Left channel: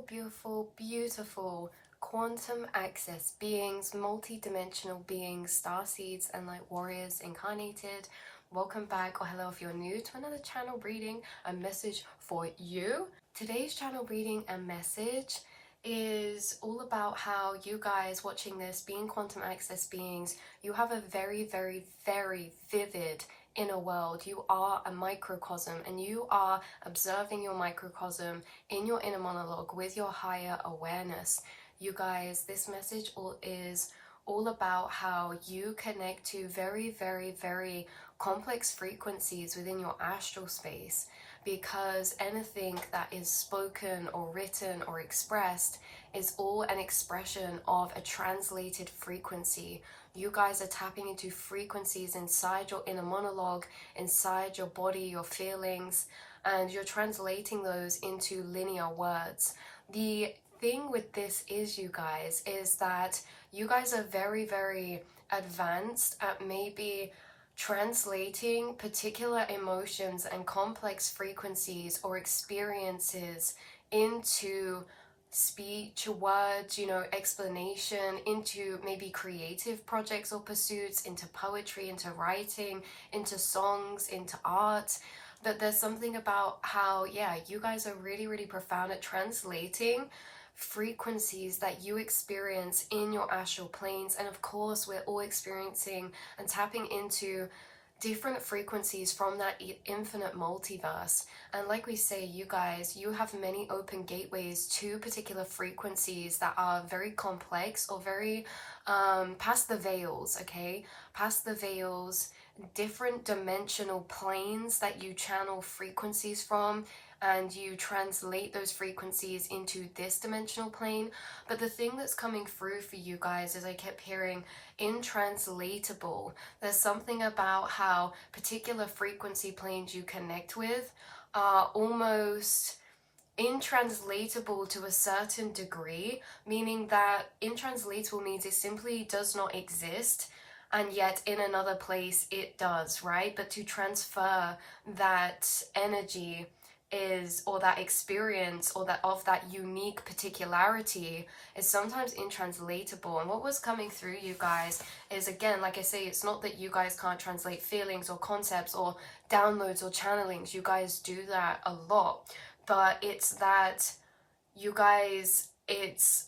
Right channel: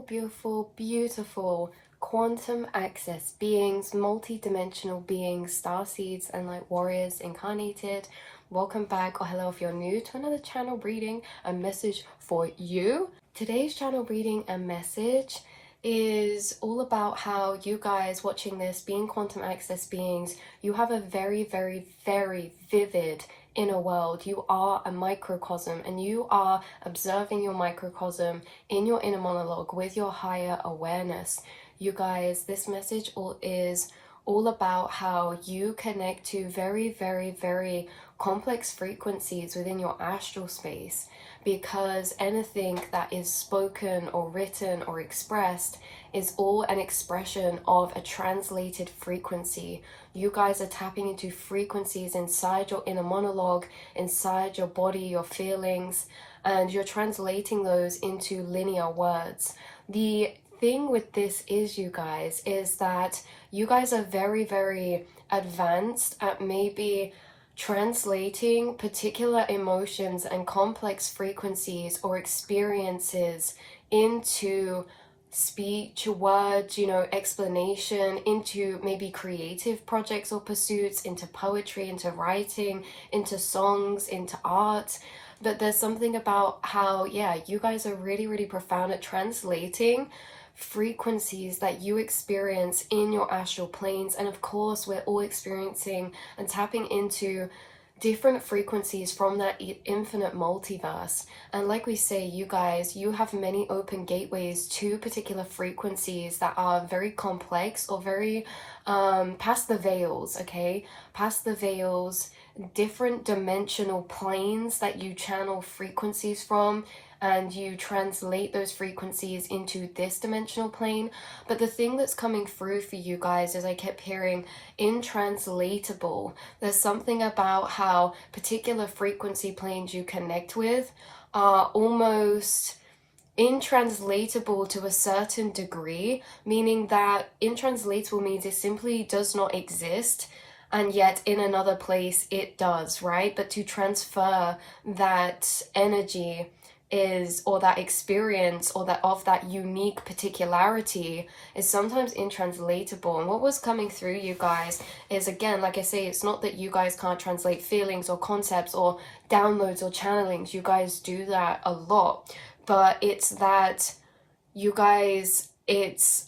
beautiful, beautiful quantum access beings, multi-dimensional beings, star seeds and light warriors incarnated. Welcome back, or hello if you're new to another channel reading, a message for you. Today's channel reading and message is all about how you guys watching this, being quantum access beings, you have a very, very, very vivid inner world. You are a microcosm, and you are observing your microcosm in your inner monologue with your higher awareness. You guys, this message is all about how you connect to very, very, very complex frequencies within your astral space, because anything that is spoken or written or expressed is all an expression of a translated frequency. You guys are tapping into frequencies inside your inner monologue, inside your body, your feelings, and you're translating those into linear words. The thing with this is, you guys, is that you guys are very, very advanced at maybe translating particular emotions and complex frequencies or experiences into speech, words, explanation, into maybe creative projects or pursuits, into poetry, into writing, into songs, into art. But there's something about how, you guys are really, really profound at translating frequencies that you experience in your astral planes. And of course, we're all experiencing and tapping into different frequencies from that infinite multiverse. And like we say, you guys, you have many open gateways to particular frequencies that are very complex or very past the veils, okay? Past the veils, different dimensional planes that you channel frequencies from, and you translate those frequencies into this dimensional plane. But the thing that's coming through for you guys is, I kept hearing intranslatable. There's something about how particular frequency planes you connect with are almost intranslatable to a certain degree, meaning that intranslatable means it simply does not exist, and yet in another place it does, right? But to transfer that energy or that experience or that unique particularity is sometimes intranslatable. And what was coming through, you guys, is, again, like I say, it's not that you guys can't translate feelings or concepts or downloads or channelings. You guys do that a lot, but it's that you guys, it's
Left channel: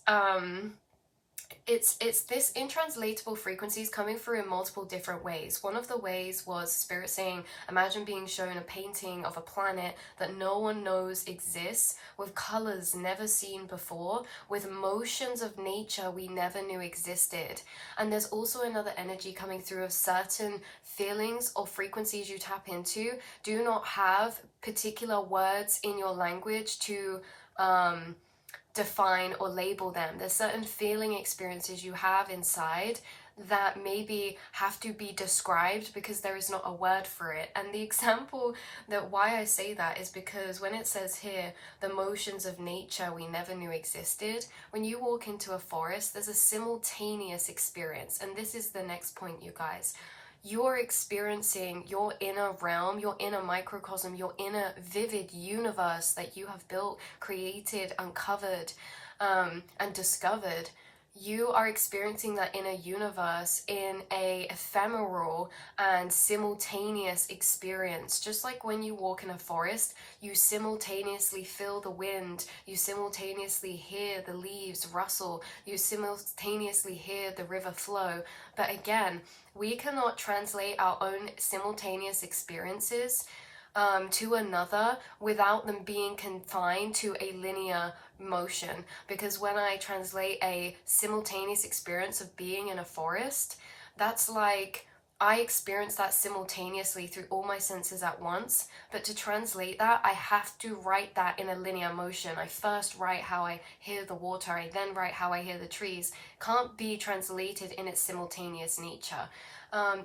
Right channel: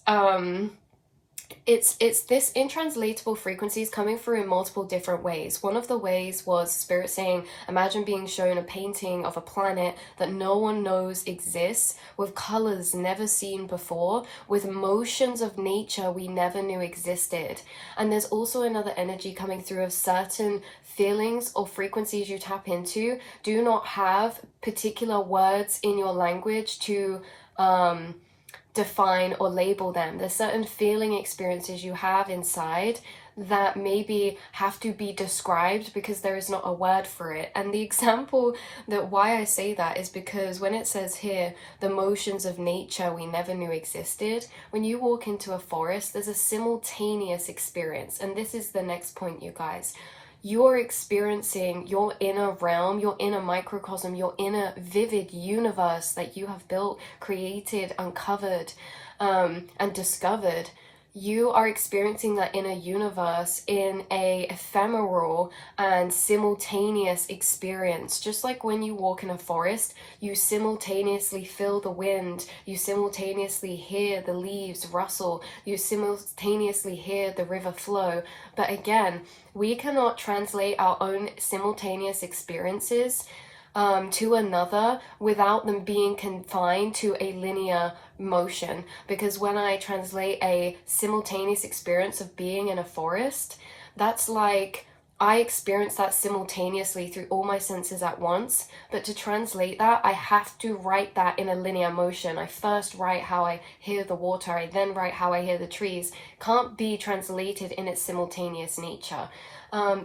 this intranslatable frequencies coming through in multiple different ways. One of the ways was Spirit saying, imagine being shown a painting of a planet that no one knows exists, with colors never seen before, with motions of nature we never knew existed. And there's also another energy coming through of certain feelings or frequencies you tap into do not have particular words in your language to define or label them. There's certain feeling experiences you have inside that maybe have to be described because there is not a word for it. And the example that why I say that is because when it says here, the motions of nature we never knew existed, when you walk into a forest, there's a simultaneous experience. And this is the next point, you guys. You're experiencing your inner realm, your inner microcosm, your inner vivid universe that you have built, created, uncovered, and discovered. You are experiencing that inner universe in a ephemeral and simultaneous experience. Just like when you walk in a forest, you simultaneously feel the wind, you simultaneously hear the leaves rustle, you simultaneously hear the river flow. But again, we cannot translate our own simultaneous experiences to another without them being confined to a linear motion. Because when I translate a simultaneous experience of being in a forest, that's like I experience that simultaneously through all my senses at once. But to translate that, I have to write that in a linear motion. I first write how I hear the water, I then write how I hear the trees. Can't be translated in its simultaneous nature.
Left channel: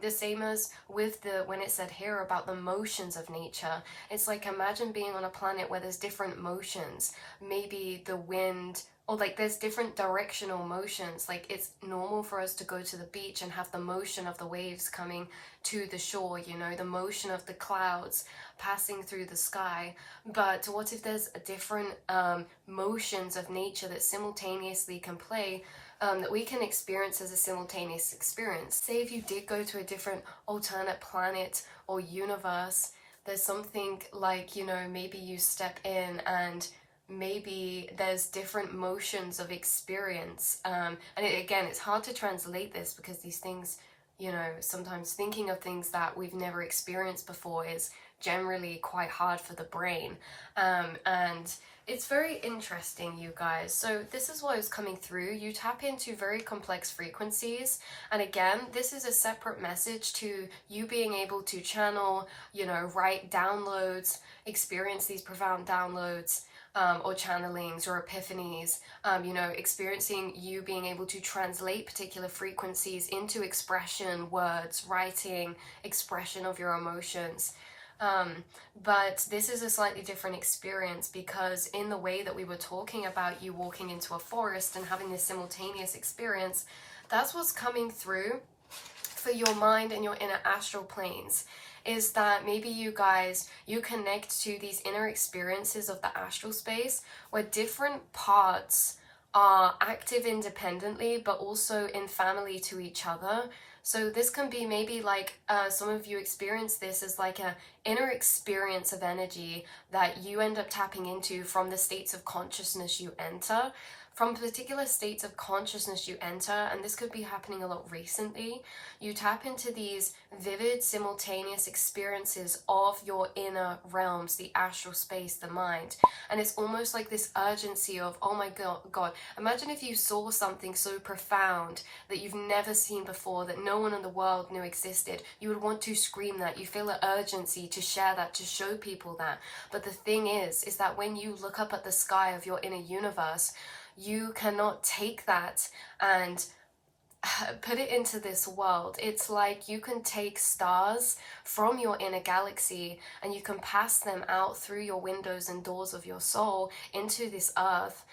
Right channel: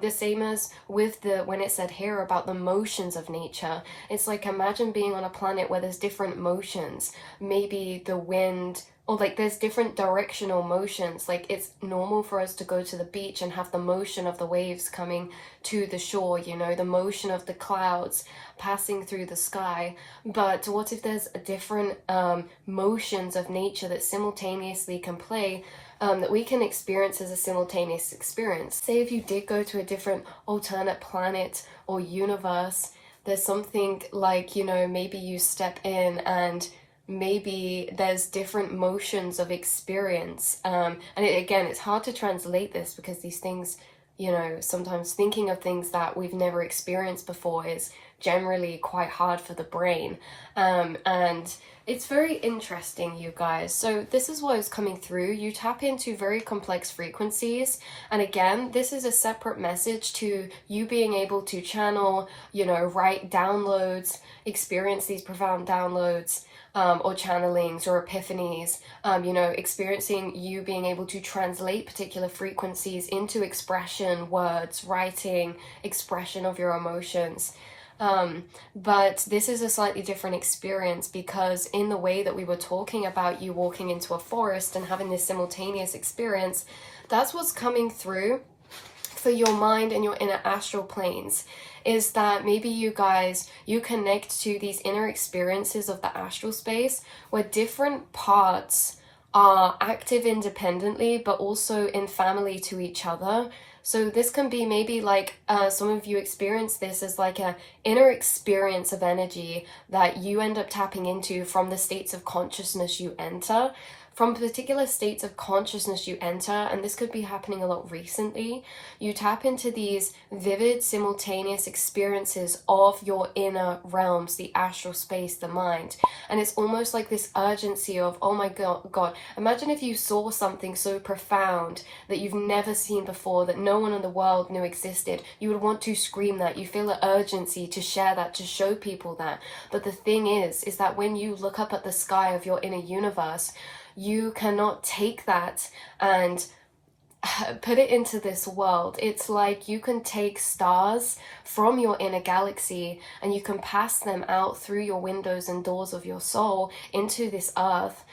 The same as with when it said here about the motions of nature. It's like, imagine being on a planet where there's different motions. Maybe the wind or like there's different directional motions. Like it's normal for us to go to the beach and have the motion of the waves coming to the shore, you know, the motion of the clouds passing through the sky. But what if there's different motions of nature that simultaneously can play, that we can experience as a simultaneous experience? Say if you did go to a different alternate planet or universe, there's something like, you know, maybe you step in and maybe there's different motions of experience. And again, it's hard to translate this because these things, you know, sometimes thinking of things that we've never experienced before is generally quite hard for the brain. And it's very interesting, you guys. So this is what is coming through. You tap into very complex frequencies. And again, this is a separate message to you being able to channel, you know, write downloads, experience these profound downloads, or channelings or epiphanies, you know, experiencing you being able to translate particular frequencies into expression, words, writing, expression of your emotions. But this is a slightly different experience because in the way that we were talking about you walking into a forest and having this simultaneous experience, that's what's coming through for your mind and your inner astral planes, is that maybe you guys, you connect to these inner experiences of the astral space where different parts are active independently but also in family to each other. So this can be maybe like some of you experience this as like a inner experience of energy that you end up tapping into from the states of consciousness you enter. From particular states of consciousness you enter, and this could be happening a lot recently, you tap into these vivid simultaneous experiences of your inner realms, the astral space, the mind. And it's almost like this urgency of, oh my God, imagine if you saw something so profound that you've never seen before, that no one in the world knew existed. You would want to scream that. You feel an urgency to share that, to show people that. But the thing is that when you look up at the sky of your inner universe, you cannot take that and put it into this world. It's like you can take stars from your inner galaxy and you can pass them out through your windows and doors of your soul into this earth.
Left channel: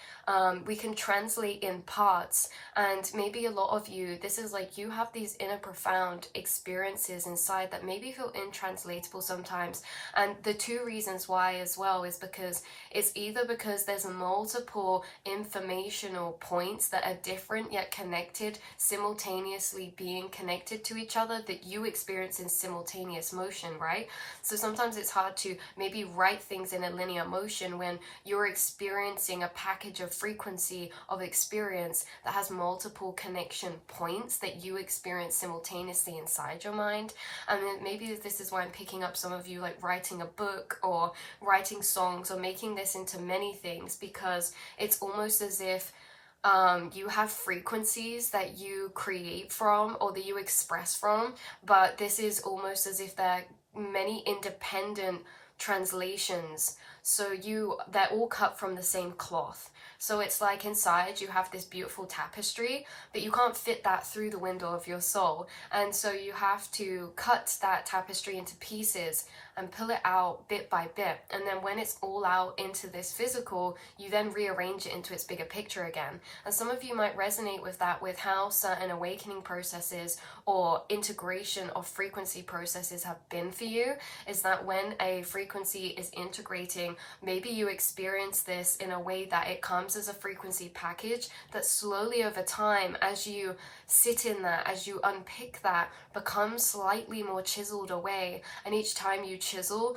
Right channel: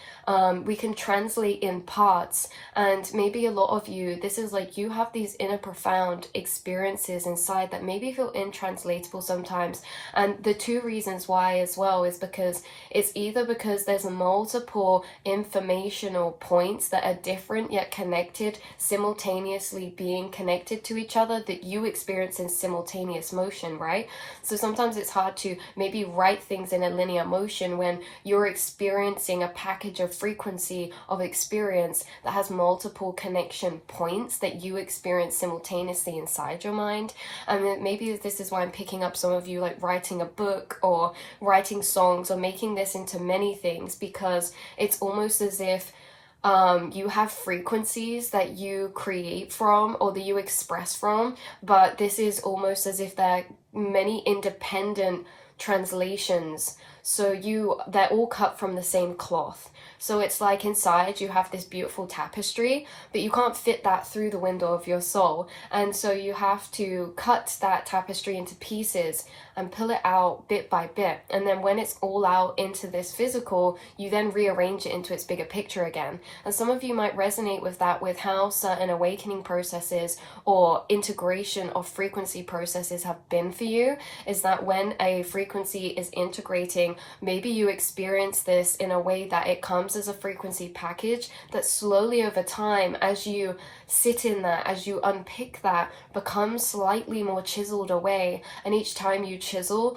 We can translate in parts, and maybe a lot of you, this is like you have these inner profound experiences inside that maybe feel intranslatable sometimes. And the two reasons why as well is because it's either because there's multiple informational points that are different yet connected, simultaneously being connected to each other, that you experience in simultaneous motion, right? So sometimes it's hard to maybe write things in a linear motion when you're experiencing a package of frequency of experience that has multiple connection points that you experience simultaneously inside your mind. And maybe this is why I'm picking up some of you like writing a book or writing songs or making this into many things, because it's almost as if you have frequencies that you create from or that you express from, but this is almost as if they're many independent translations. So they're all cut from the same cloth. So it's like inside you have this beautiful tapestry, but you can't fit that through the window of your soul. And so you have to cut that tapestry into pieces and pull it out bit by bit. And then when it's all out into this physical, you then rearrange it into its bigger picture again. And some of you might resonate with that, with how certain awakening processes or integration of frequency processes have been for you, is that when a frequency is integrating, maybe you experience this in a way that it comes as a frequency package that slowly over time, as you sit in that, as you unpick that, becomes slightly more chiseled away. And each time you chisel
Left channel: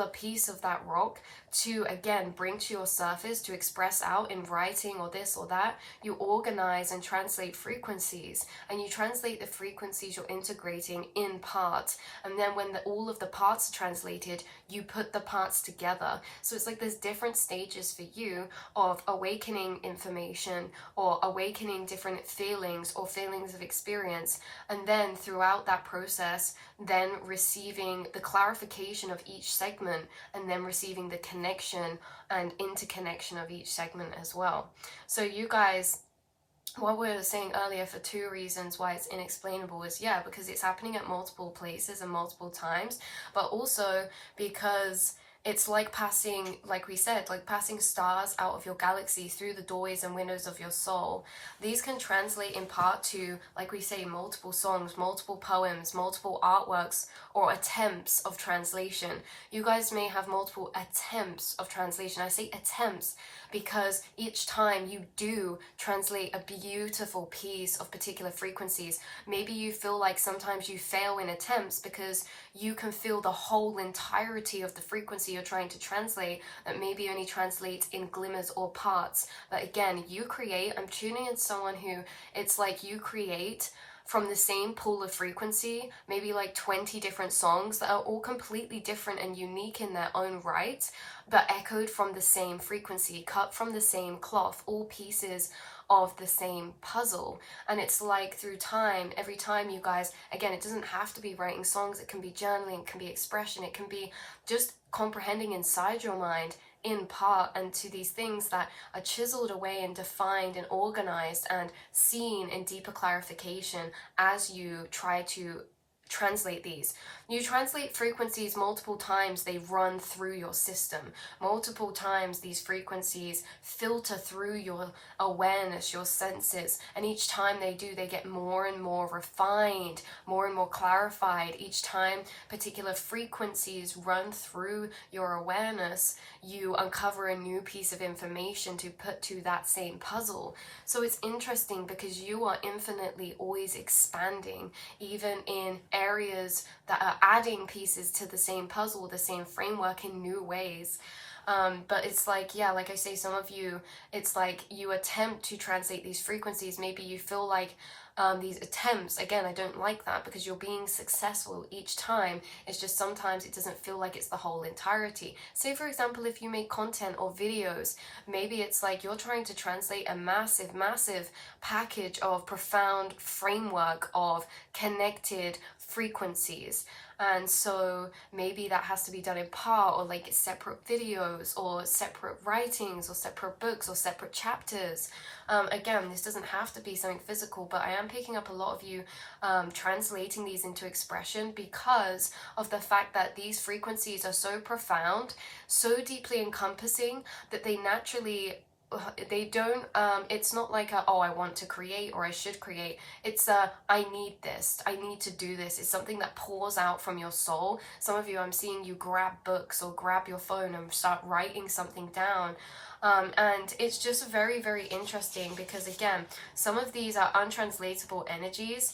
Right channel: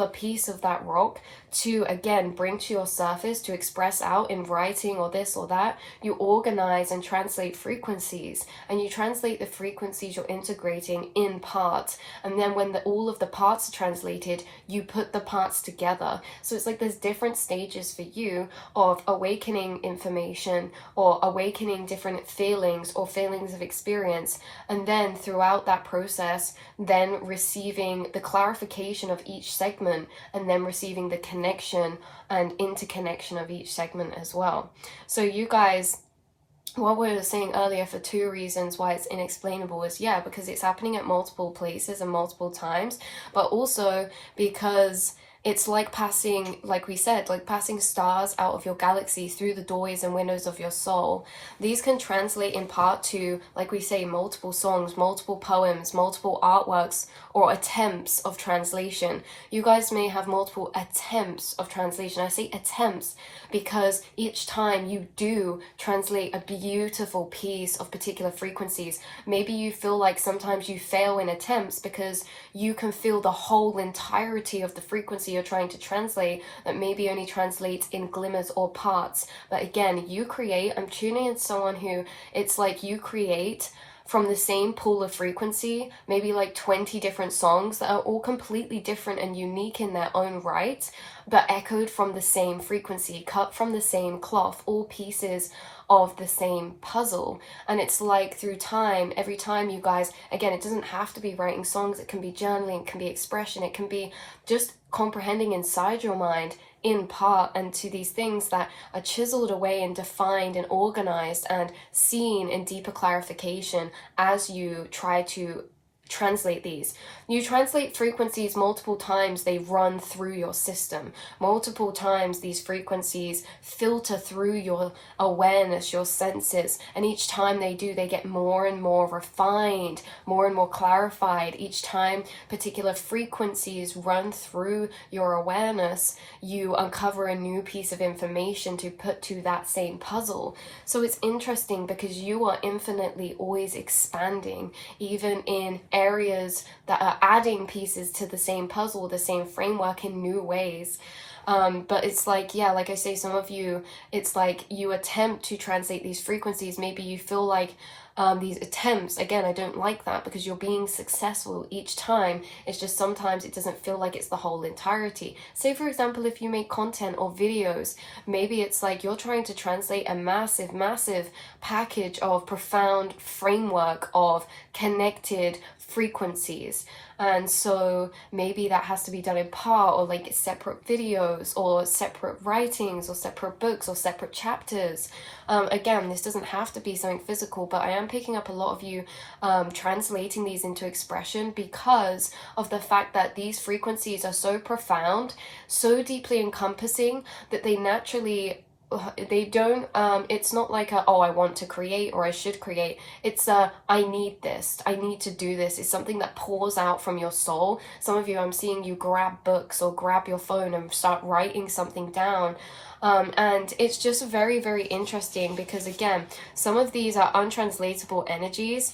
a piece of that rock to again bring to your surface, to express out in writing or this or that. You organize and translate frequencies, and you translate the frequencies you're integrating in parts, and then when all of the parts are translated, you put the parts together. So it's like there's different stages for you of awakening information or awakening different feelings or feelings of experience, and then throughout that process then receiving the clarification of each segment, and then receiving the connection and interconnection of each segment as well. So you guys, what we were saying earlier, for two reasons why it's inexplainable is, yeah, because it's happening at multiple places and multiple times, but also because it's like passing, like we said, like passing stars out of your galaxy through the doorways and windows of your soul. These can translate in part to, like we say, multiple songs, multiple poems, multiple artworks, or attempts of translation. You guys may have multiple attempts of translation. I say attempts because each time you do translate a beautiful piece of particular frequencies, maybe you feel like sometimes you fail in attempts because you can feel the whole entirety of the frequency you're trying to translate that maybe only translates in glimmers or parts. But again, you create, I'm tuning in someone who, it's like you create from the same pool of frequency, maybe like 20 different songs that are all completely different and unique in their own right, but echoed from the same frequency, cut from the same cloth, all pieces of the same puzzle. And it's like through time, every time you guys, again, it doesn't have to be writing songs, it can be journaling, it can be expression, it can be just comprehending inside your mind in part, and to these things that are chiseled away and defined and organized and seen in deeper clarification as you try to translate these. You translate frequencies multiple times, they run through your system. Multiple times these frequencies filter through your awareness, your senses, and each time they do, they get more and more refined, more and more clarified. Each time particular frequencies run through your awareness, you uncover a new piece of information to put to that same puzzle. So it's interesting because you are infinitely always expanding, even in areas that are adding pieces to the same puzzle, the same framework in new ways. But it's like, yeah, like I say, some of you, it's like you attempt to translate these frequencies. Maybe you feel like these attempts, again, I don't like that because you're being successful each time. It's just sometimes it doesn't feel like it's the whole entirety. Say, for example, if you make content or videos, maybe it's like you're trying to translate a massive, massive package of profound framework of connected frequencies. And so maybe that has to be done in part, or like separate videos or separate writings or separate books or separate chapters. Again, this doesn't have to be something physical, but I am picking up a lot of you translating these into expression because of the fact that these frequencies are so profound, so deeply encompassing that they naturally, they don't, it's not like a, oh, I want to create or I should create. It's a, I need this, I need to do this. It's something that pours out from your soul. Some of you, I'm seeing you grab books or grab your phone and start writing something down. And it's just very, very interesting because, again, some of these are untranslatable energies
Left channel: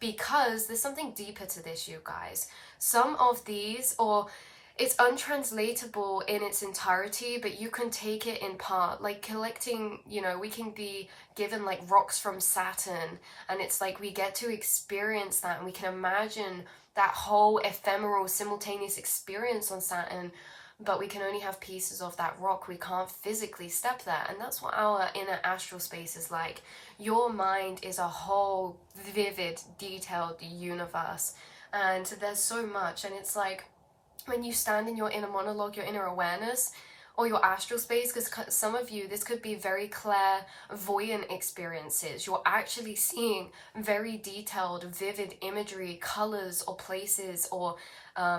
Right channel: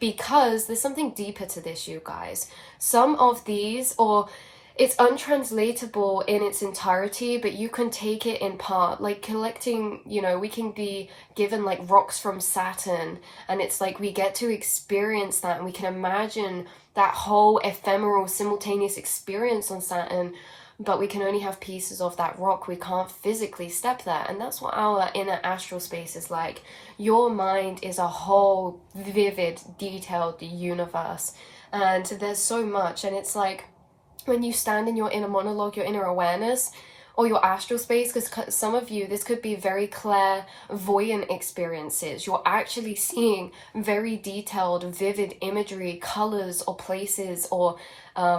because there's something deeper to this, you guys. Some of these, or it's untranslatable in its entirety, but you can take it in part, like collecting, you know, we can be given like rocks from Saturn, and it's like we get to experience that and we can imagine that whole ephemeral simultaneous experience on Saturn, but we can only have pieces of that rock. We can't physically step there. And that's what our inner astral space is like. Your mind is a whole vivid, detailed universe, and there's so much. And it's like, when you stand in your inner monologue, your inner awareness, or your astral space, because some of you, this could be very clairvoyant experiences. You're actually seeing very detailed, vivid imagery, colors, or places, or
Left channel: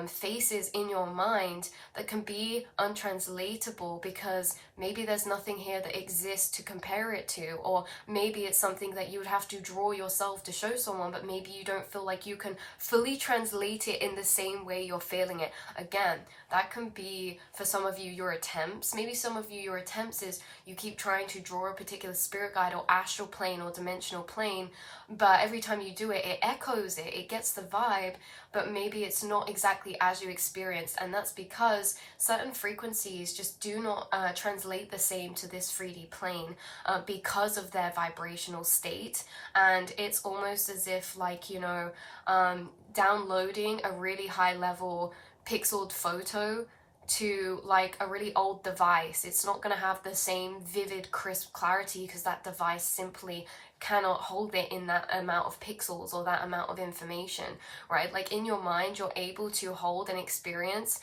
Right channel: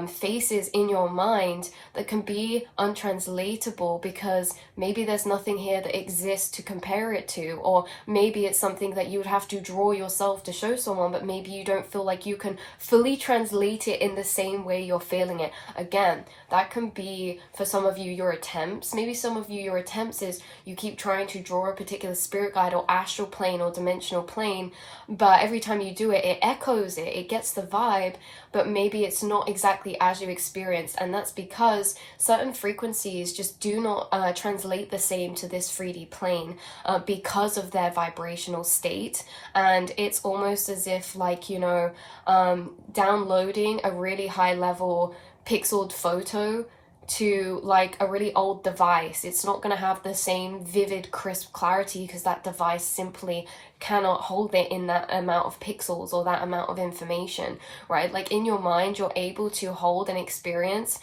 faces in your mind that can be untranslatable because maybe there's nothing here that exists to compare it to, or maybe it's something that you would have to draw yourself to show someone, but maybe you don't feel like you can fully translate it in the same way you're feeling it. Again, that can be, for some of you, your attempts. Maybe some of you, your attempts is you keep trying to draw a particular spirit guide or astral plane or dimensional plane, but every time you do it, it echoes it, it gets the vibe, but maybe it's not exactly as you experienced. And that's because certain frequencies just do not translate the same to this 3D plane because of their vibrational state. And it's almost as if, like, you know, downloading a really high level pixeled photo to like a really old device, it's not going to have the same vivid, crisp clarity because that device simply cannot hold it in that amount of pixels or that amount of information, right? Like in your mind, you're able to hold and experience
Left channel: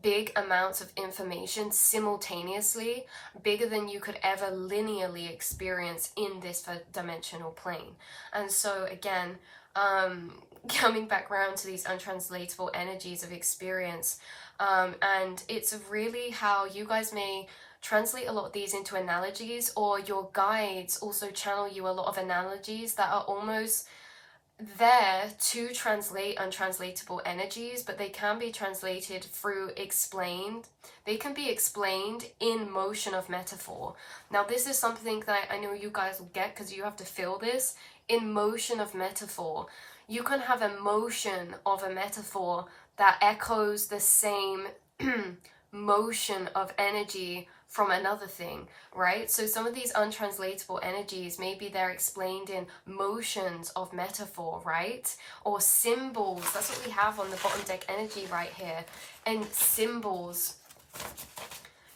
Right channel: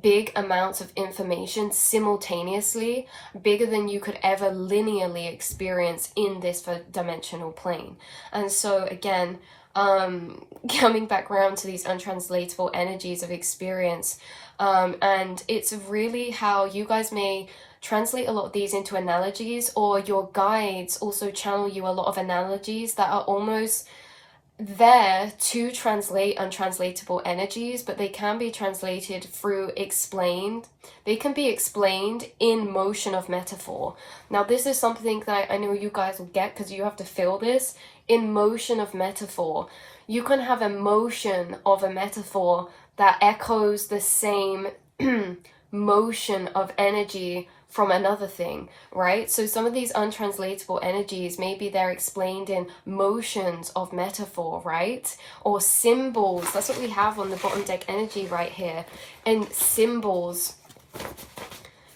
big amounts of information simultaneously, bigger than you could ever linearly experience in this dimensional plane. And so again, coming back around to these untranslatable energies of experience. And it's really how you guys may translate a lot of these into analogies, or your guides also channel you a lot of analogies that are almost there to translate untranslatable energies, but they can be translated through explained. They can be explained in motion of metaphor. Now, this is something that I know you guys will get because you have to feel this. In motion of metaphor, you can have a motion of a metaphor that echoes the same motion of energy from another thing, right? So some of these untranslatable energies, maybe they're explained in motions of metaphor, right? Or symbols. That's what we have on the bottom deck energy right here. And symbols,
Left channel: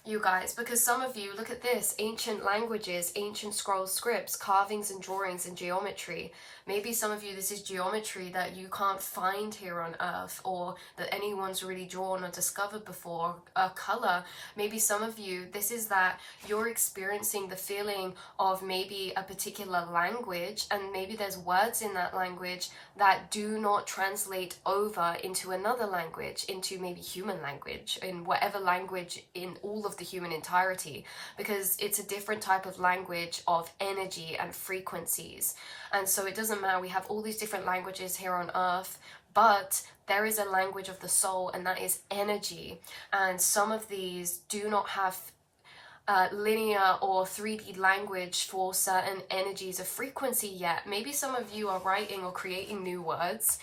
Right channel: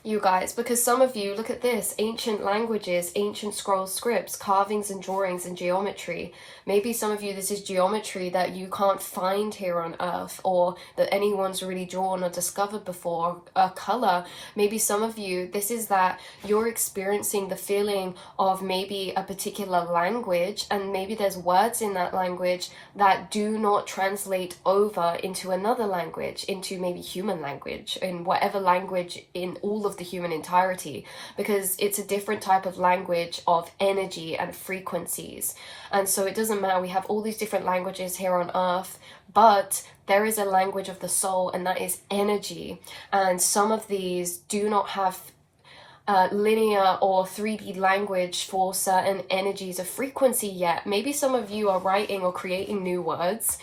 you guys, because some of you, look at this, ancient languages, ancient scroll scripts, carvings and drawings and geometry. Maybe some of you, this is geometry that you can't find here on Earth, or that anyone's really drawn or discovered before. A color. Maybe some of you, this is that you're experiencing the feeling of maybe a particular language, and maybe there's words in that language that do not translate over into another language, into maybe human language, in whatever language in all of the human entirety, because it's a different type of language of energy and frequencies. And so it doesn't matter, we have all these different languages here on Earth, but there is a language of the soul, and that is energy. And some of these do not have linear or 3D language for certain energies of frequency yet. Maybe some of you are writing or creating new words,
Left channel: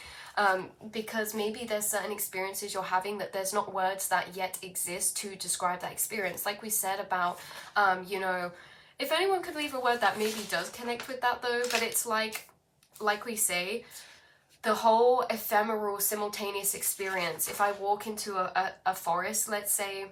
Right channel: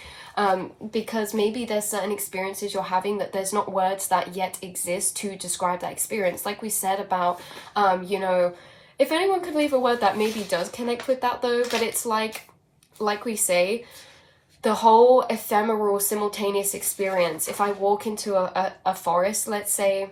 because maybe there's certain experiences you're having that there's not words that yet exist to describe that experience. Like we said about, you know, if anyone could leave a word that maybe does connect with that though, but it's like we say, the whole ephemeral simultaneous experience. If I walk into a forest, let's say,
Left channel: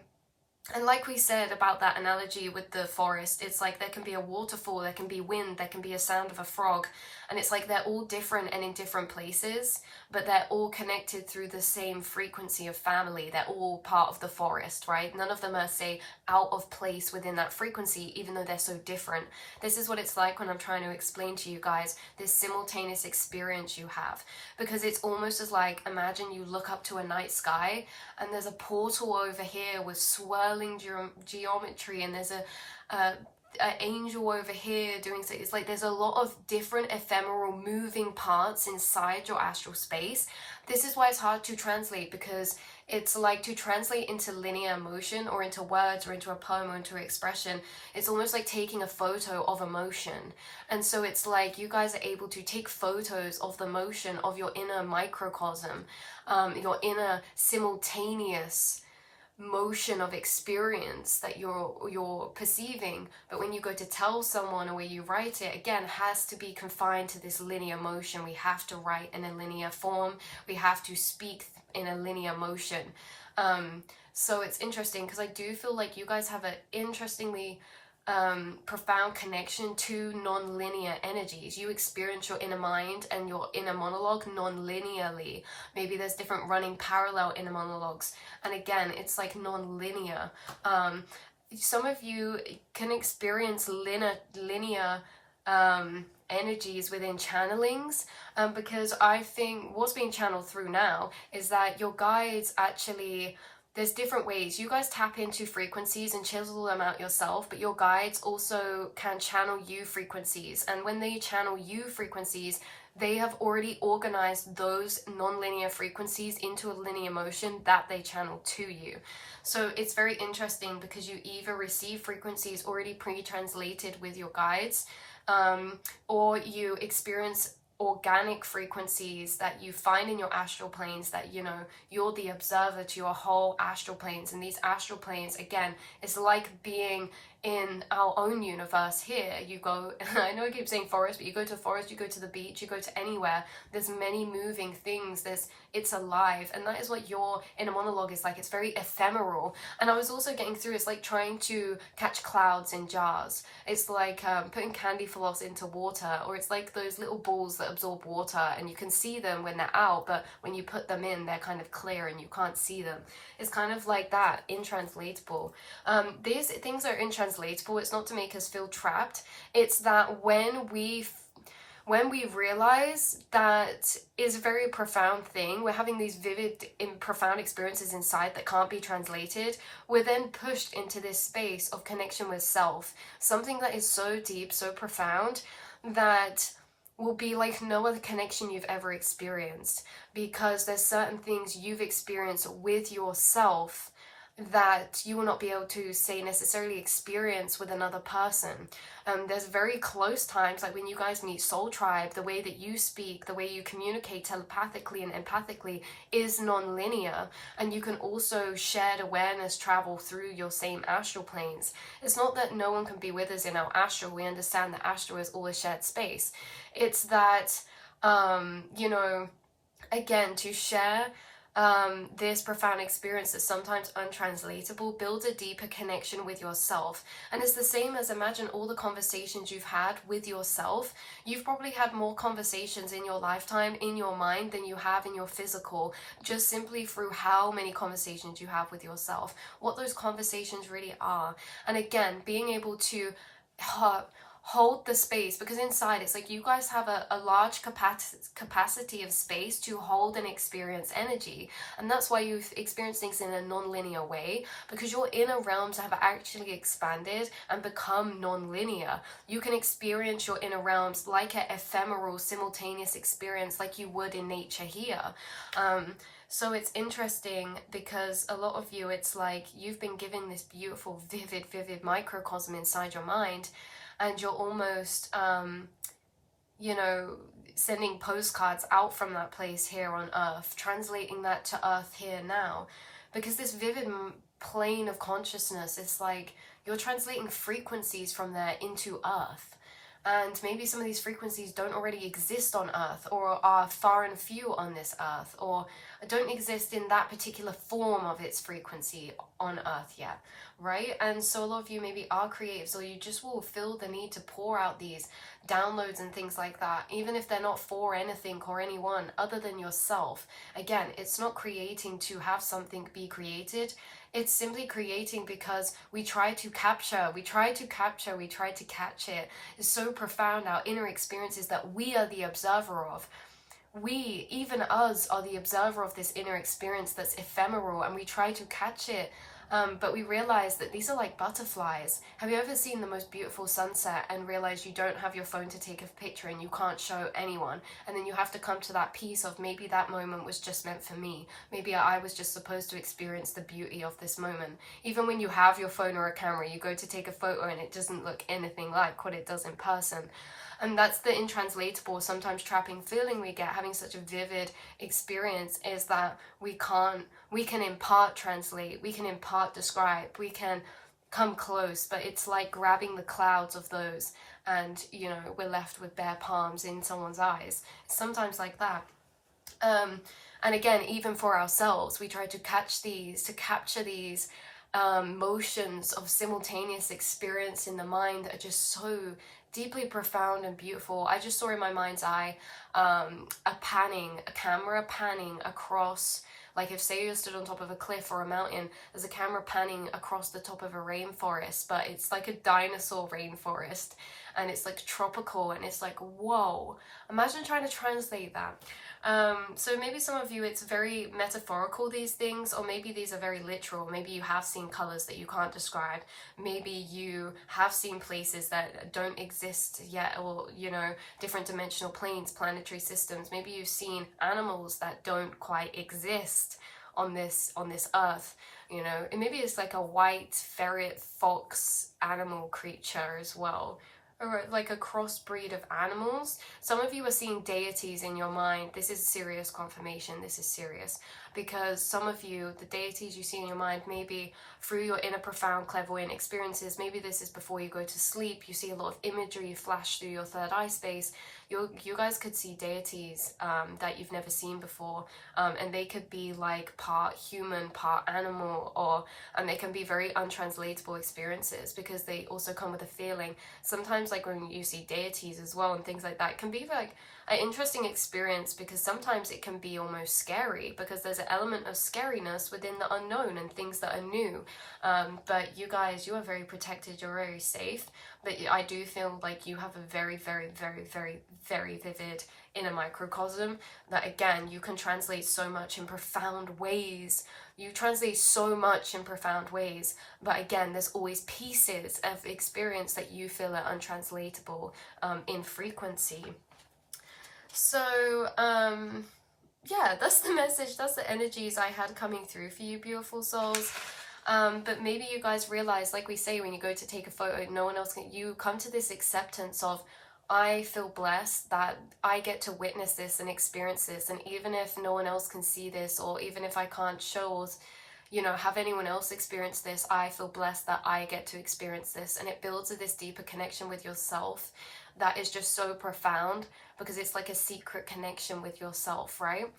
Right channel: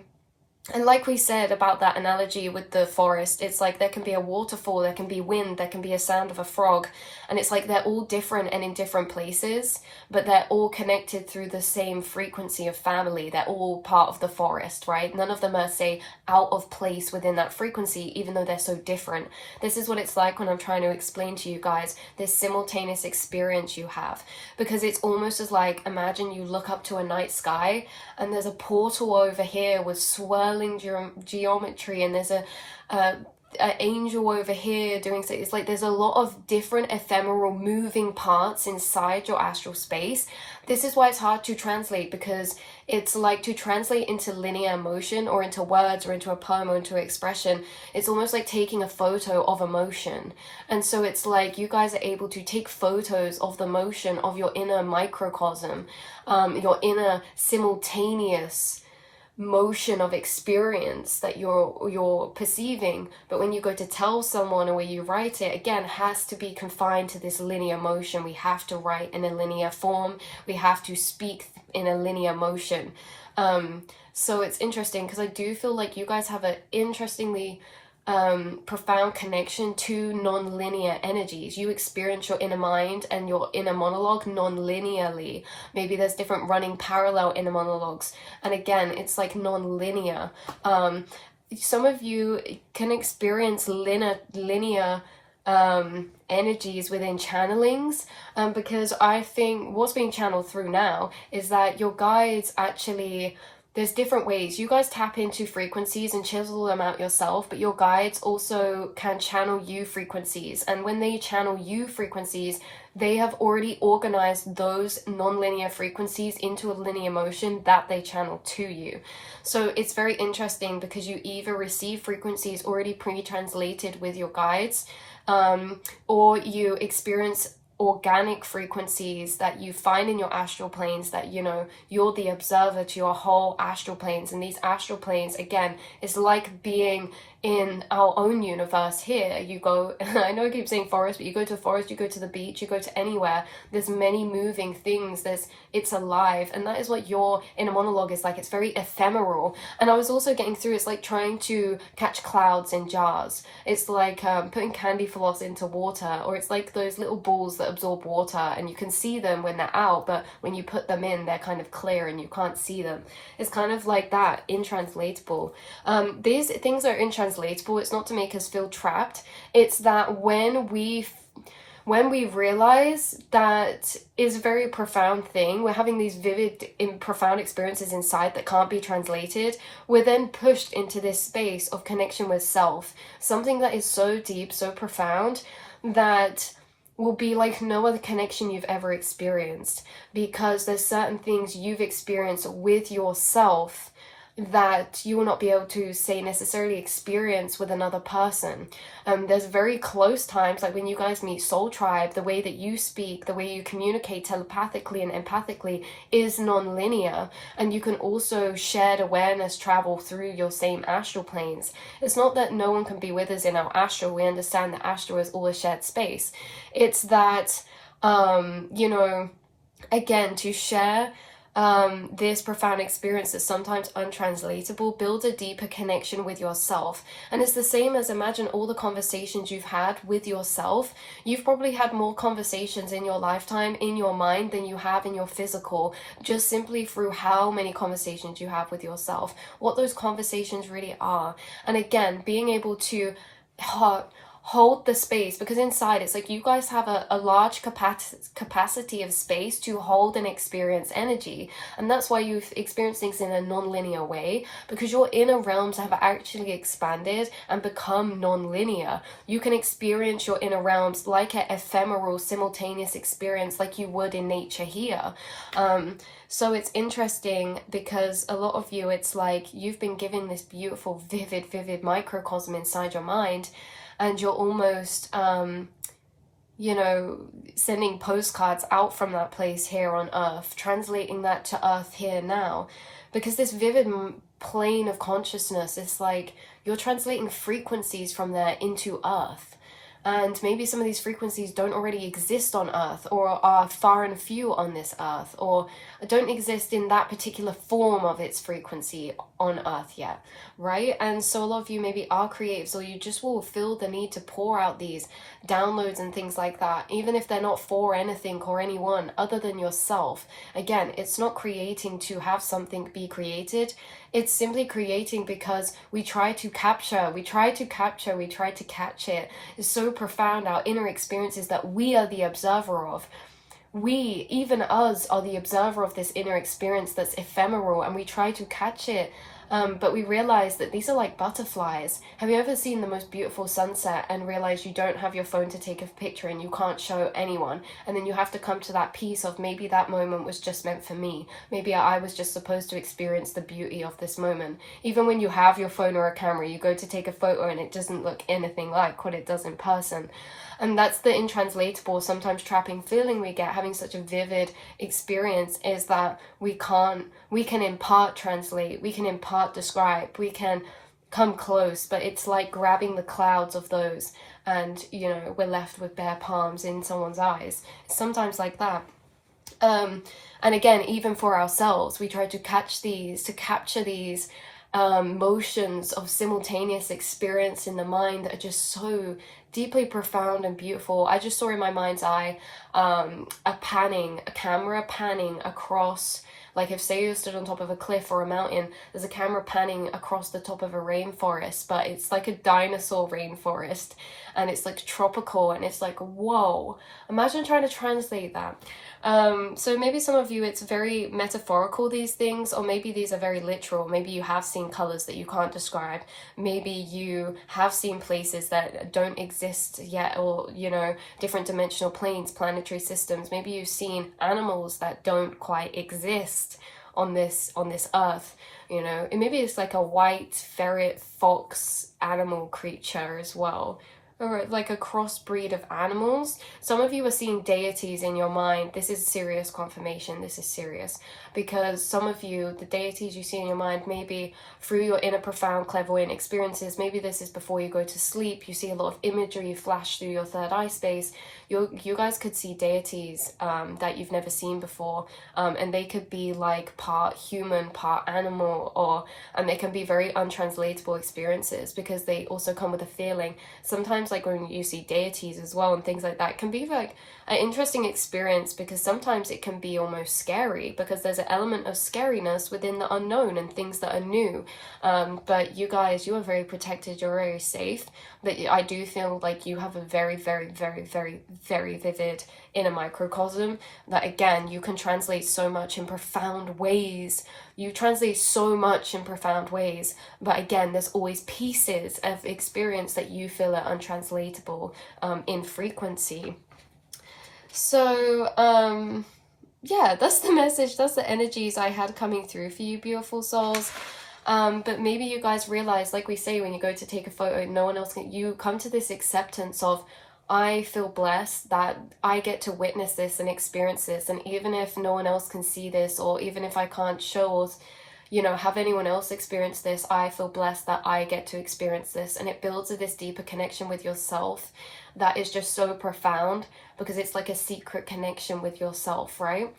and like we said about that analogy with the forest, it's like there can be a waterfall, there can be wind, there can be a sound of a frog, and it's like they're all different and in different places, but they're all connected through the same frequency of family. They're all part of the forest, right? None of them are, say, out of place within that frequency, even though they're so different. This is what it's like when I'm trying to explain to you guys this simultaneous experience you have, because it's almost as like, imagine you look up to a night sky and there's a portal over here with swirling geometry, and there's a angel over here doing so. It's like there's a lot of different ephemeral moving parts inside your astral space. This is why it's hard to translate, because it's like to translate into linear motion or into words or into a poem or into expression. It's almost like taking a photo of emotion. And so it's like you guys are able to take photos of the motion of your inner microcosm, your inner simultaneous motion of experience that you're perceiving. But when you go to tell someone, or when you write it, again, has to be confined to this linear motion. We have to write in a linear form, we have to speak in a linear motion. So it's interesting, because I do feel like you guys have an interestingly profound connection to non-linear energies. You experience your inner mind and your inner monologue non-linearly. Maybe there's different running parallel inner monologues, and again, it's like non-linear. Some of you can experience linear energies within channelings, because I think what's being channeled through now is that your guides actually, there's different ways. You guys tap into frequencies and chisel them out yourself, but your guides also can channel you frequencies. And when they channel you frequencies, they have already organized those non-linear frequencies into a linear motion that they channel to you. So it's very interesting, because you either receive frequencies already pre-translated with your guides, or you experience organic frequencies that you find in your astral planes, that, you know, you're the observer to your whole astral planes. And these astral planes, again, is like being in our own universe here. You go, I know I keep saying forest, but you go to a forest, you go to the beach, you go to anywhere, there's many moving things, it's alive. And that is what your inner monologue is like. It's very ephemeral. And I was also getting through, it's like trying to catch clouds in jars. It's like putting candy floss into water, or it's like those little balls that absorb water, and you can see them when they're out, but when you put them in, they're kind of clear and you can't see them. It's kind of like that, intranslatable. These things are intranslatable. It's not to make us feel trapped. It's that when we when we realize that is a very profound thing, we're having these vivid and profound experiences inside that can't be translated, we're then pushed into this space of connection with self, something that is so deep, so profound, that will be like no other connection you've ever experienced, because there's certain things you've experienced with yourself that you will not be able to, say, necessarily experience with another person. There's very close times, like when you guys meet soul tribe, the way that you speak, the way you communicate telepathically and empathically is non-linear, and you can also shared awareness travel through your same astral planes. It's not that no one can be with us in our astral. We understand that astral is all a shared space. It's that you know, again, to share this profound experience that's sometimes untranslatable builds a deeper connection with yourself. And it's the same as, imagine all the conversations you've had with yourself. You've probably had more conversations in your lifetime in your mind than you have in your physical, just simply through how many conversations you have with yourself, what those conversations really are. And again, being able to hold the space, because inside it's like you guys have a large capacity of space to hold and experience energy, and that's why you've experienced things in a non-linear way, because your inner realms have actually expanded and become non-linear. You can experience your inner realms like an ephemeral simultaneous experience, like you would in nature here. So it's interesting because a lot of you, it's like you've been given this beautiful vivid microcosm inside your mind, and you're almost, you know, sending postcards out from that place here on Earth, translating that to Earth here now. Because this vivid plane of consciousness is like you're translating frequencies from there into Earth. And maybe some of these frequencies don't already exist on Earth, or are far and few on this Earth, or don't exist in that particular form of its frequency on Earth yet, right? And so a lot of you maybe are creatives, or you just will feel the need to pour out these downloads and things like that, even if they're not for anything or anyone other than yourself. Again, it's not creating to have something be created. It's simply creating because we try to catch it. It's so profound, our inner experiences that we are the observer of. We, even us, are the observer of this inner experience that's ephemeral, and we try to catch it. But we realize that these are like butterflies. Have you ever seen the most beautiful sunset and realize you don't have your phone to take a picture and you can't show anyone? And then you have to come to that piece of, maybe that moment was just meant for me. Maybe I was just supposed to experience the beauty of this moment. Even when you have your phone or a camera, you go to take a photo and it doesn't look anything like what it does in person. And that's the intranslatable, sometimes trapping feeling we get having such a vivid experience, is that we can in part translate, we can in part describe, we can come close, but it's like grabbing the clouds of those, and you know, we're left with bare palms in someone's eyes. It's sometimes like that. And again, even for ourselves, we try to capture these motions of simultaneous experience in the mind that are just so deeply profound and beautiful. I just saw in my mind's eye a camera panning across, like if say you stood on top of a cliff or a mountain, there's a camera panning across the top of a rainforest, but it's like a dinosaur rainforest, and it's like tropical, and it's like, whoa, imagine trying to translate that. So maybe some of you, it's very metaphorical, these things, or maybe these are very literal. Maybe you have seen colors that you can't describe. Maybe you have seen places that don't exist yet, or, you know, different dimensional planes, planetary systems. Maybe you've seen animals that don't quite exist on this Earth, you know. And maybe it's like a white ferret fox animal creature as well, or like a crossbreed of animals. Some of you are seeing deities in your mind. This is serious confirmation. This is serious, because some of you, the deities you see in your mind, maybe through your inner profound clairvoyant experiences, maybe this is before you go to sleep, you see a lot of imagery flash through your third eye space. You guys could see deities that you've never seen before, and they could be like part human, part animal, or they can be very untranslatable experiences, because they also come with a feeling. Sometimes sometimes like when you see deities as well and things like that, it can be like an interesting experience, because sometimes it can be almost scary, because there's an element of scariness within the unknown and things that are new. But you guys, you are very protected, you're very safe. But I do feel like you have a very, very, very, very, very vivid inner microcosm that, again, you can translate so much in profound ways. You translate so much in profound ways, but again, there's always pieces of experience that you feel are untranslatable in frequency. So yeah, that's the message, that's the energies I had coming through for you, beautiful souls. But maybe you guys realize, like we say, when you go to take a photo, no one else can, you come to this acceptance of, I feel blessed that I get to witness this and experience this, and even if no one else can see this, or even if I can't show or, you know, have anyone else experience this, I feel blessed that I get to experience this. And it builds this deeper connection with yourself that is just so profound, because it's like a secret connection with yourself, right?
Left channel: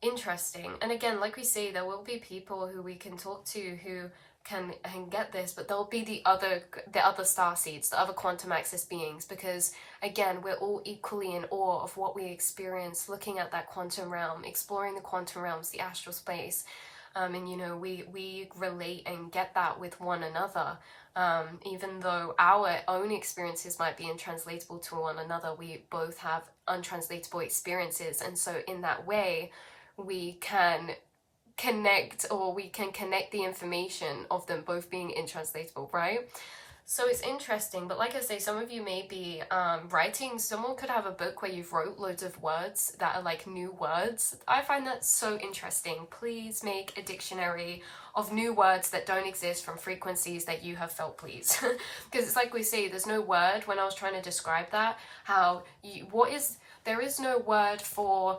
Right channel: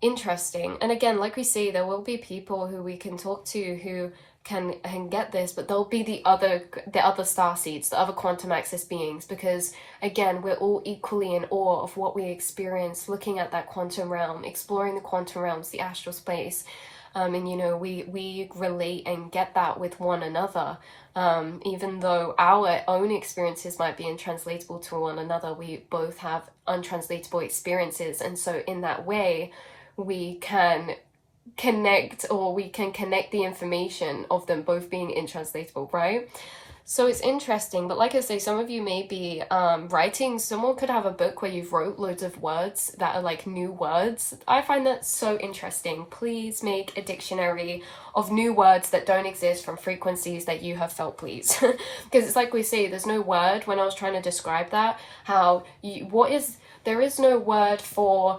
Interesting. And again, like we see, there will be people who we can talk to who can get this, but there'll be the other star seeds, the other quantum access beings, because again, we're all equally in awe of what we experience looking at that quantum realm, exploring the quantum realms, the astral space. And you know, we relate and get that with one another. Even though our own experiences might be untranslatable to one another, we both have untranslatable experiences, and so in that way we can connect, or we can connect the information of them both being intranslatable, right? So it's interesting. But like I say, some of you may be writing, someone could have a book where you've wrote loads of words that are like new words. I find that so interesting. Please make a dictionary of new words that don't exist from frequencies that you have felt, please. Because it's like we say, there's no word, when I was trying to describe that, how there is no word for,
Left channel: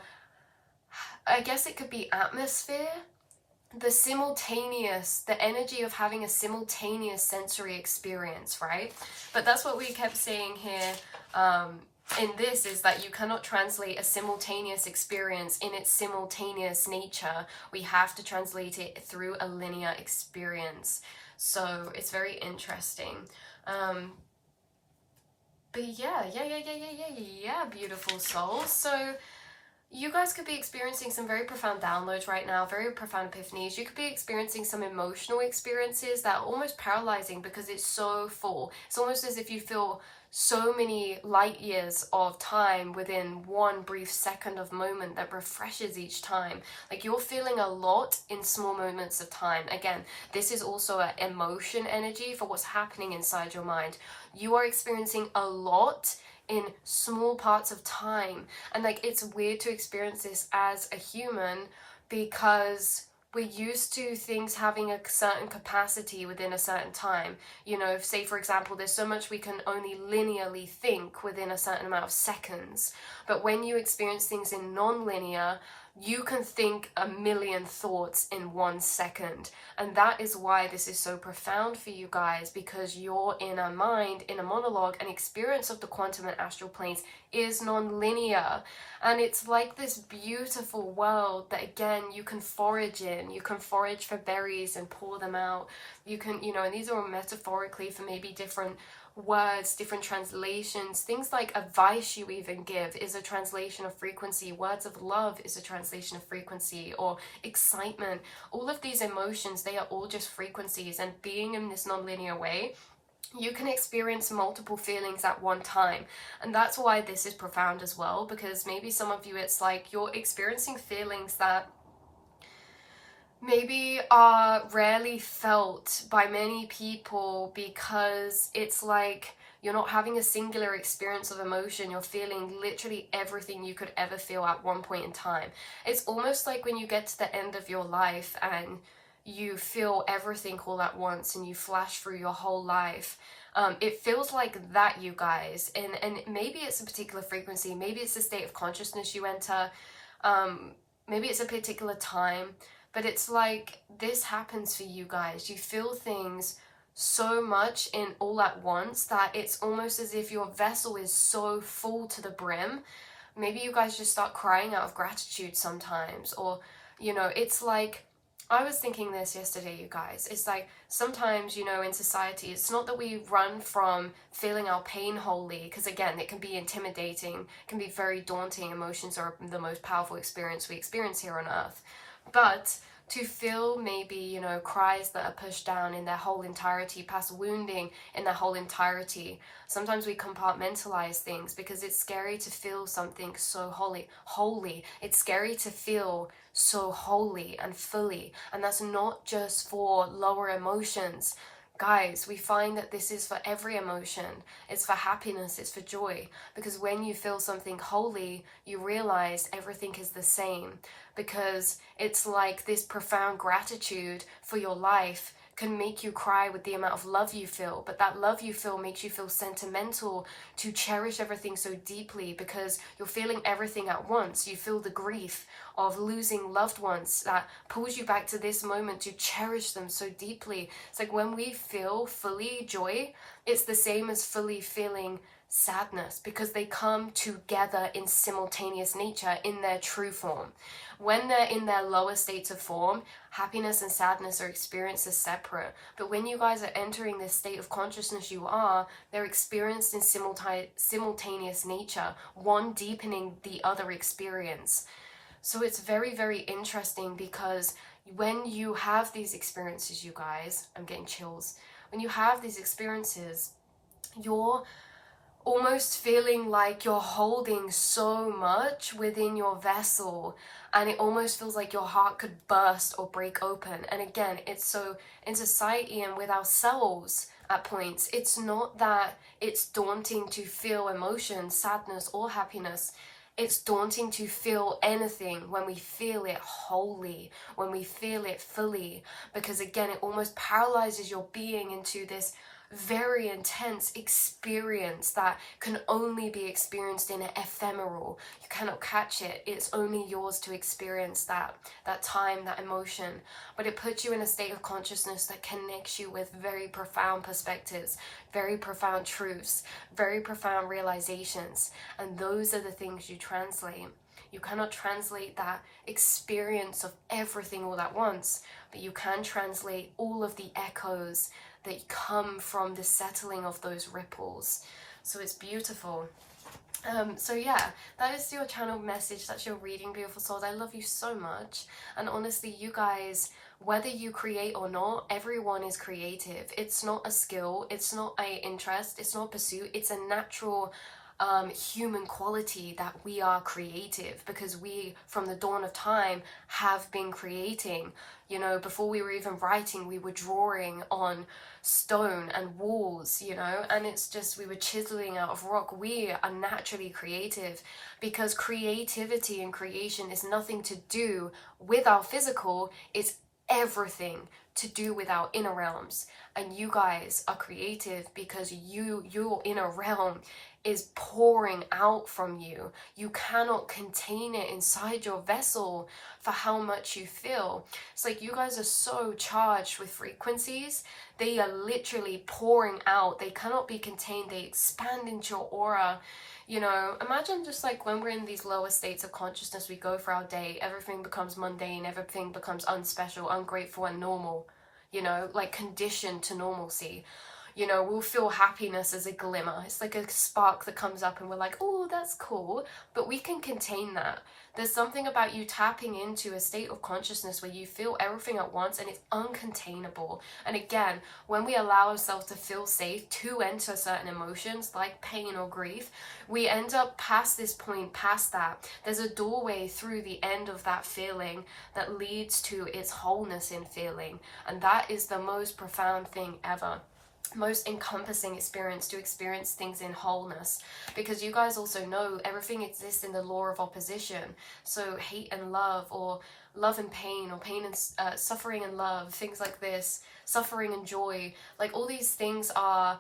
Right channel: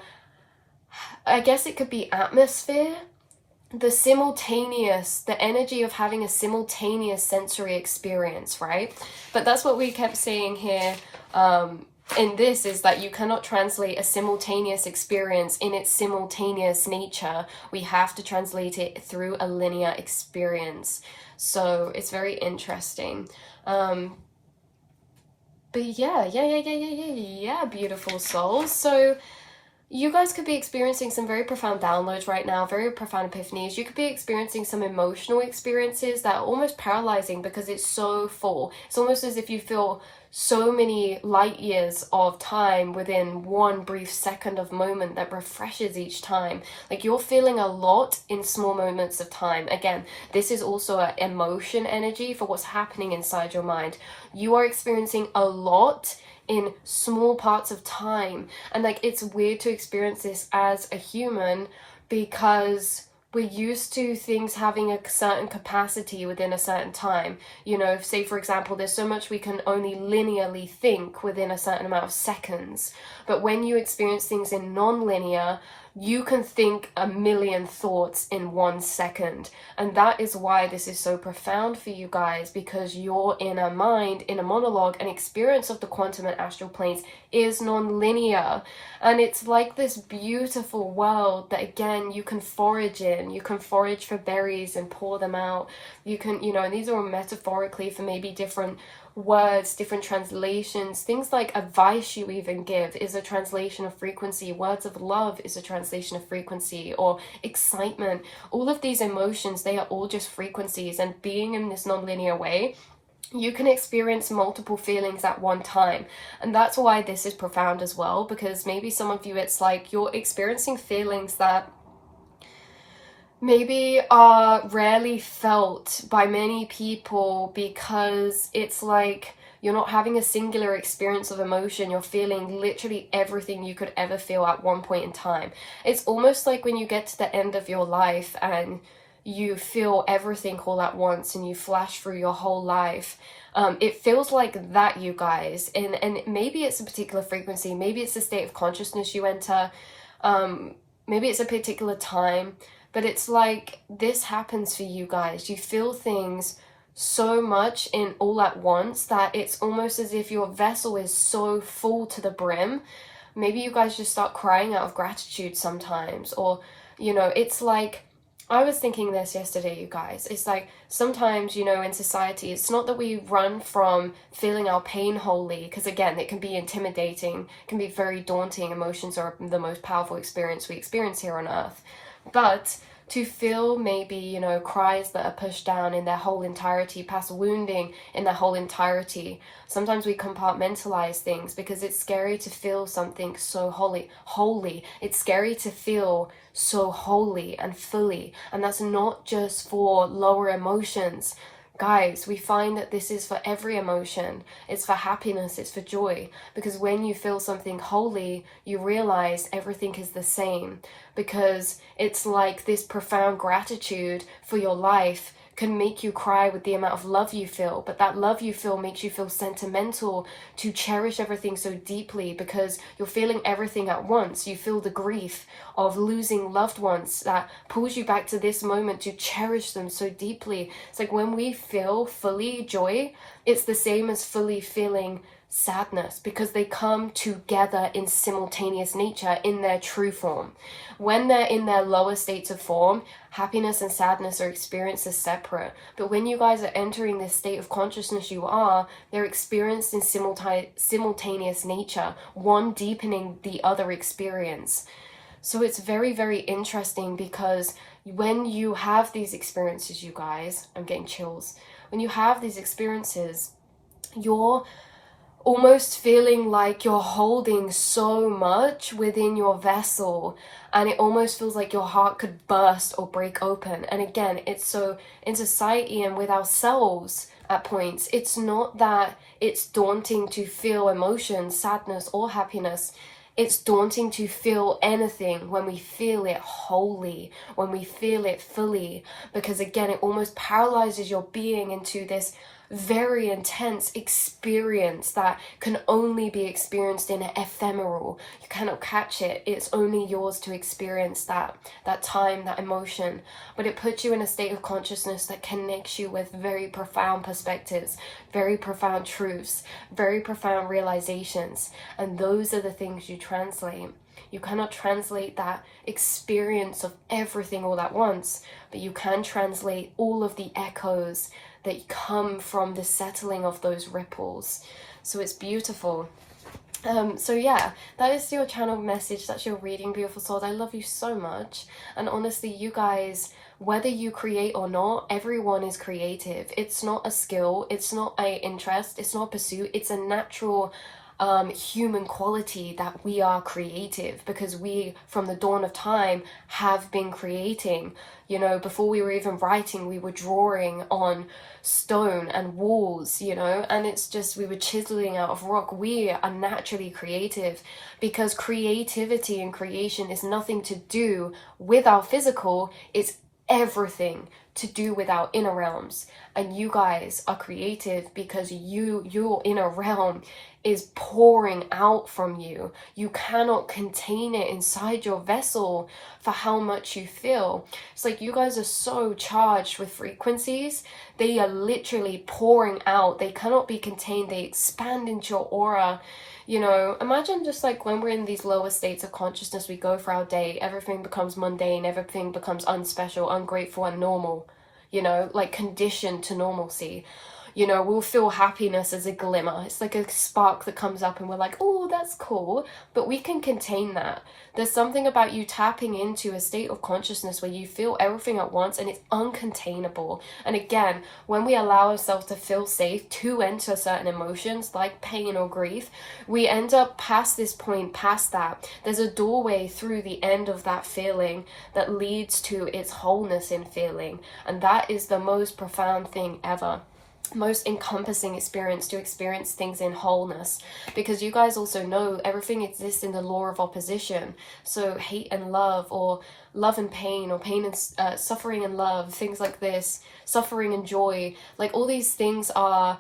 I guess it could be atmosphere, the simultaneous, the energy of having a simultaneous sensory experience, right? But that's what we kept saying here in this, is that you cannot translate a simultaneous experience in its simultaneous nature. We have to translate it through a linear experience. So it's very interesting. But yeah, beautiful souls. So you guys could be experiencing some very profound downloads right now, very profound epiphanies. You could be experiencing some emotional experiences that are almost paralyzing, because it's so full. It's almost as if you feel so many light years of time within one brief second of moment that refreshes each time. Like, you're feeling a lot in small moments of time. Again, this is also an emotion energy for what's happening inside your mind. You are experiencing a lot in small parts of time, and like, it's weird to experience this as a human, because we're used to things having a certain capacity within a certain time. You know, say for example, there's so much we can only linearly think within a certain amount of seconds, but when you experience things in non-linear, you can think a million thoughts in 1 second. And that is why this is so profound for you guys, because your inner mind, inner monologue, and experience of the quantum and astral planes is non-linear. And it's like this beautiful world that, again, you can forage in. You can forage for berries and pour them out. You can, you know, and these are all metaphorically for maybe different words, different translations. Things like advice you even give is a translation of frequency. Words of love is a translation of frequency, or excitement. All of these emotions, they are all just frequencies, and being in this non-linear way, you can experience multiple feelings at one time. And that's why this is profound as well, because maybe some of you, it's like you're experiencing feelings that maybe are rarely felt by many people, because it's like you're not having a singular experience of emotion. You're feeling literally everything you could ever feel at one point in time. It's almost like when you get to the end of your life and you feel everything all at once and you flash through your whole life. It feels like that, you guys. And maybe it's a particular frequency, maybe it's a state of consciousness you enter, maybe it's a particular time. But it's like this happens for you guys. You feel things so much in all at once that it's almost as if your vessel is so full to the brim. Maybe you guys just start crying out of gratitude sometimes. Or, you know, it's like, I was thinking this yesterday, you guys. It's like sometimes, you know, in society, it's not that we run from feeling our pain wholly, because again, it can be intimidating, can be very daunting. Emotions are the most powerful experience we experience here on earth. But to feel maybe, you know, cries that are pushed down in their whole entirety, past wounding in their whole entirety. Sometimes we compartmentalize things because it's scary to feel something so holy. It's scary to feel so wholly and fully. And that's not just for lower emotions. Guys, we find that this is for every emotion. It's for happiness, it's for joy. Because when you feel something holy, you realize everything is the same. Because it's like this profound gratitude for your life can make you cry with the amount of love you feel, but that love you feel makes you feel sentimental to cherish everything so deeply, because you're feeling everything at once. You feel the grief of losing loved ones that pulls you back to this moment to cherish them so deeply. It's like when we feel fully joy, it's the same as fully feeling sadness, because they come together in simultaneous nature in their true form. When they're in their lower states of form, happiness and sadness are experienced as separate. But when you guys are entering this state of consciousness they're experienced in simultaneous nature, one deepening the other experience. So it's very, very interesting, because when you have these experiences, you guys, I'm getting chills. When you have these experiences, you're almost feeling like you're holding so much within your vessel, and it almost feels like your heart could burst or break open. And again, it's so in society and with ourselves at points, it's not that it's daunting to feel emotions, sadness or happiness. It's daunting to feel anything when we feel it wholly, when we feel it fully, because again, it almost paralyzes your being into this very intense experience that can only be experienced in ephemeral. You cannot catch it. It's only yours to experience that time, that emotion. But it puts you in a state of consciousness that connects you with very profound perspectives, very profound truths, very profound realizations. And those are the things you translate. You cannot translate that experience of everything all at once, but you can translate all of the echoes that come from the settling of those ripples. So it's beautiful. So yeah, that is your channel message. That's your reading, beautiful souls. I love you so much. And honestly, you guys, whether you create or not, everyone is creative. It's not a skill, it's not an interest, it's not a pursuit, it's a natural human quality that we are creative, because we, from the dawn of time, have been creating. You know, before we were even writing, we were drawing on stone and walls, you know, and it's just, we were chiseling out of rock. We are naturally creative, because creativity and creation is nothing to do with our physical, it's everything to do with our inner realms. And you guys are creative because your inner realm is pouring out from you. You cannot contain it inside your vessel for how much you feel. It's like you guys are so charged with frequencies. They are literally pouring out. They cannot be contained. They expand into your aura. You know, imagine just like when we're in these lower states of consciousness, we go for our day, everything becomes mundane, everything becomes unspecial, ungrateful, and normal. You know, like conditioned to normalcy. You know, we'll feel happiness as a glimmer. It's like a spark that comes up and we're like, oh, that's cool. But we can contain that. There's something about you tapping into a state of consciousness where you feel everything at once and it's uncontainable. And again, when we allow ourselves to feel safe to enter certain emotions like pain or grief, we end up past this point, past that. There's a doorway through the end of that feeling that leads to its wholeness in feeling. And that is the most profound thing ever. Most encompassing experience, to experience things in wholeness, because you guys also know everything exists in the law of opposition. So hate and love, or love and pain, or pain and suffering and love, things like this, suffering and joy, like all these things are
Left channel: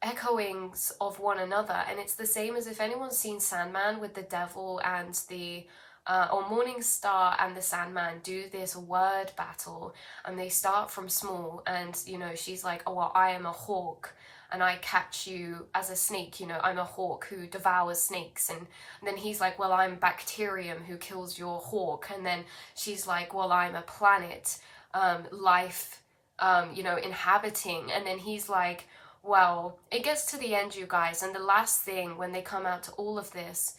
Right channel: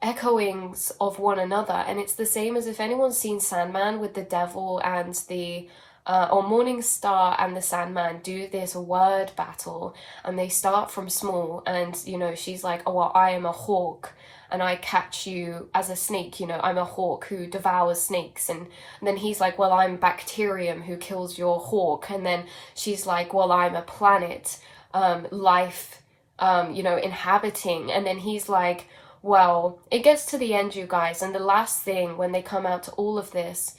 echoings of one another. And it's the same as if anyone's seen Sandman with the devil and the or Morning Star and the Sandman do this word battle, and they start from small, and you know, she's like, oh well, I am a hawk and I catch you as a snake, you know, I'm a hawk who devours snakes. And then he's like, well, I'm bacterium who kills your hawk. And then she's like, well, I'm a planet, life, you know, inhabiting. And then he's like, well, it gets to the end, you guys, and the last thing when they come out to all of this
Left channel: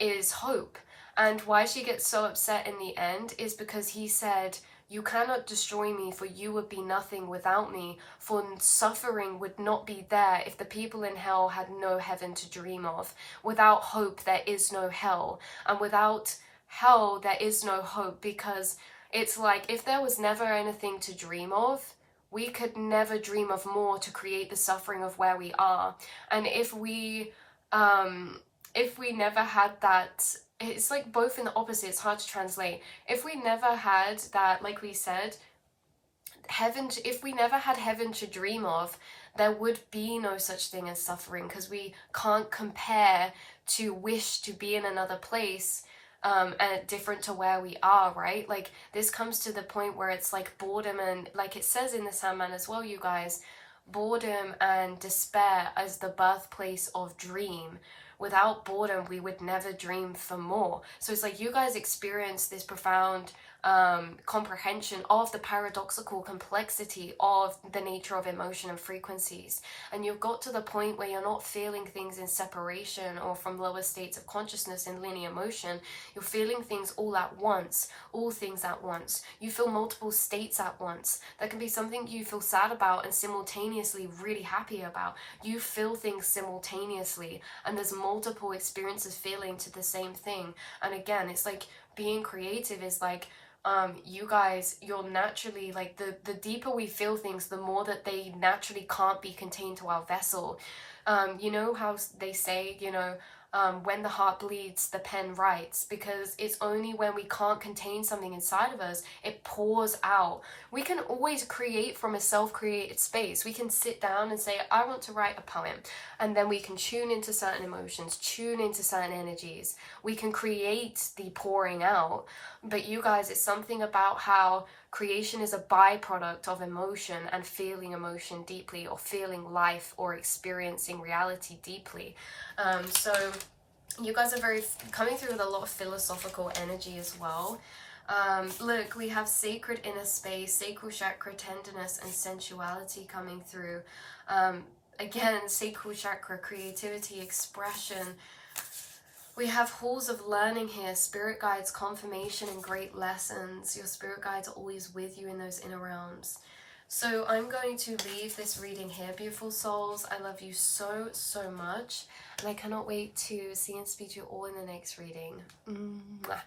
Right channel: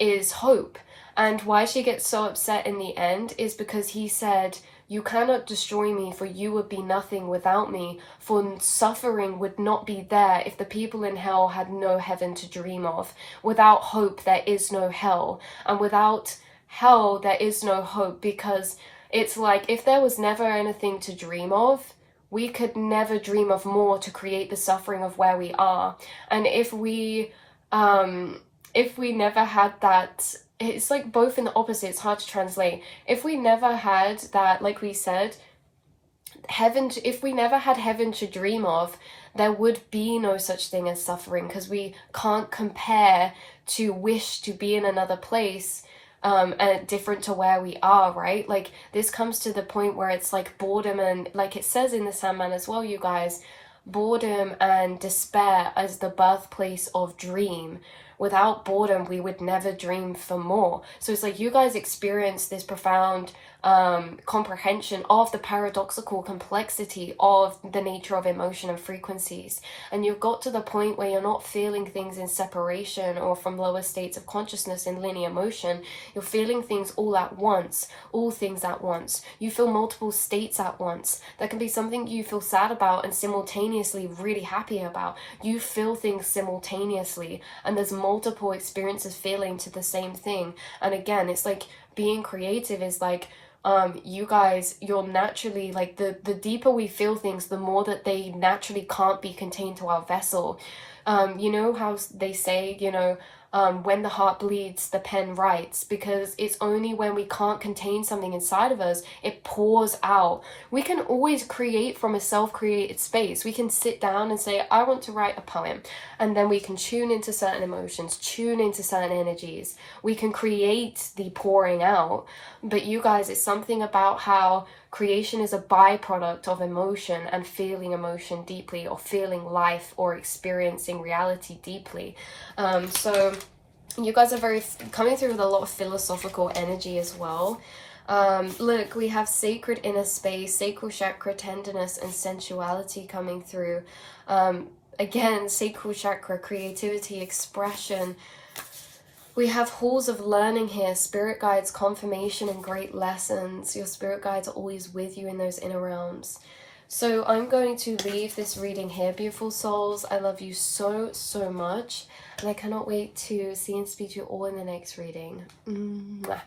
is hope. And why she gets so upset in the end is because he said, you cannot destroy me, for you would be nothing without me, for suffering would not be there if the people in hell had no heaven to dream of. Without hope, there is no hell. And without hell, there is no hope, because it's like, if there was never anything to dream of, we could never dream of more to create the suffering of where we are. And if we never had that, it's like both in the opposite, it's hard to translate. If we never had that, like we said, heaven, if we never had heaven to dream of, there would be no such thing as suffering, because we can't compare to wish to be in another place and different to where we are, right? Like, this comes to the point where it's like boredom, and like it says in the Sandman as well, you guys, boredom and despair as the birthplace of dream. Without boredom, we would never dream for more. So it's like you guys experience this profound comprehension of the paradoxical complexity of the nature of emotion and frequencies. And you've got to the point where you're not feeling things in separation or from lower states of consciousness in linear motion. You're feeling things all at once, all things at once. You feel multiple states at once. There can be something you feel sad about and simultaneously really happy about. You feel things simultaneously, and there's multiple experiences feeling to the same thing. And again, it's like being creative is like, you guys, you're naturally like, the deeper we feel things, the more that they naturally can't be contained to our vessel. You know how they say, you know, when the heart bleeds, the pen writes, because it's only when we can't contain something inside of us, it pours out. We can always create from a self-created space. We can sit down and say, I want to write a poem, and then we can tune into certain emotions, tune into certain energies. We can create the pouring out. But you guys, it's something about how creation is a byproduct of emotion and feeling emotion deeply, or feeling life or experiencing reality deeply. So you guys are coming through with a lot of philosophical energy as well. Look, we have sacred inner space, sacral chakra, tenderness and sensuality coming through. Again, sacral chakra, creativity, expression. We have halls of learning here, spirit guides, confirmation, and great lessons. Your spirit guides are always with you in those inner realms. So I'm going to leave this reading here, beautiful souls. I love you so, so much. And I cannot wait to see and speak to you all in the next reading. Mwah.